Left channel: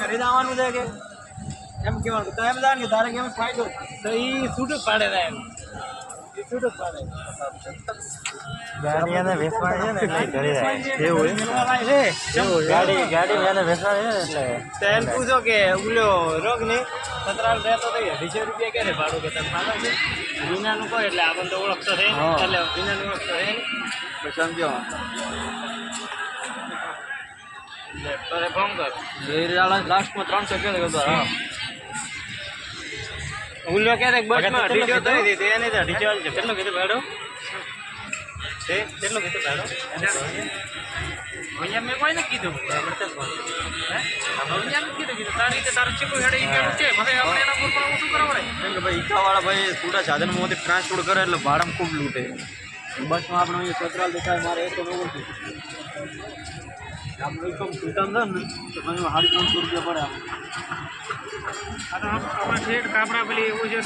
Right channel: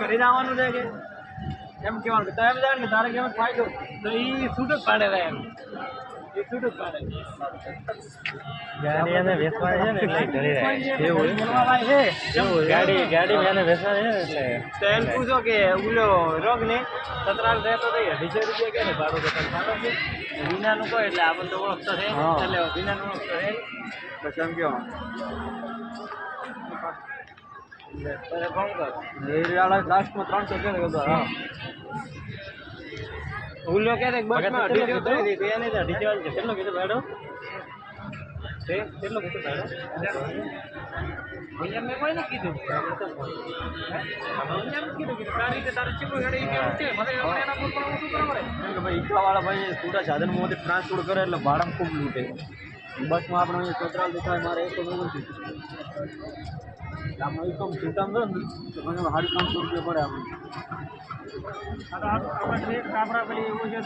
ઘરે જવાનું છે કે? એમ કેવાનું જાણ કે તારે કેમ ફાયદો? તો એ છૂટ જ પાડે એમ. ગાડી એને વેચવાની છે ને એટલે ઘરે જાય એવું ગાડી ગાડી એને વેચવાની છે ને એટલે એમ પૂછો કે ઉલ્યો રોગ ને સતરાલ રહેતો તો અઢીસો રૂપિયા કે ને ભાડું કે તમે માનો છો? વિનાનું કહો એટલે આપણને તો ઓળખતો છે. હા. એટલે વિનાનું ઓળખતો છે. પછી એમ કહો લાસ્ટમાં ત્રણસો કહે તો હા ઉલ્લો ક્યારેક બસમાં કેટલું અઢીસો કીધું? થઈ હતી એને તો અઢીસો હાલશે કેટલું કીધું ભાડું છે કેટલું કીધું ભાડું અહીંયા મેં કોઈને કીધું હે? અહીંયા નથી કીધું કીધું તારી રીતે તારે ચીકુ હેડે ઈ કેવું છે મને આપણે એના પર પણ શું કરવા પડે કેમ કે ભાઈ ઈકાવાળા ભાઈ છૂટા સાધનમાંથી ટ્રાન્સપોર્ટ કરે એટલે ભાડામાં ખૂબ લૂંટે બસમાં આપણે અહીંયા કોતરાલ દેખાય મારે એ તો નવું નથી આમાં એકમ છૂટા ને તો મને સાડી ત્રણસો રૂપિયા પડે આપણે આ તો આપ- આપણે ઠેઠ કાપડા પેલી એવું છે.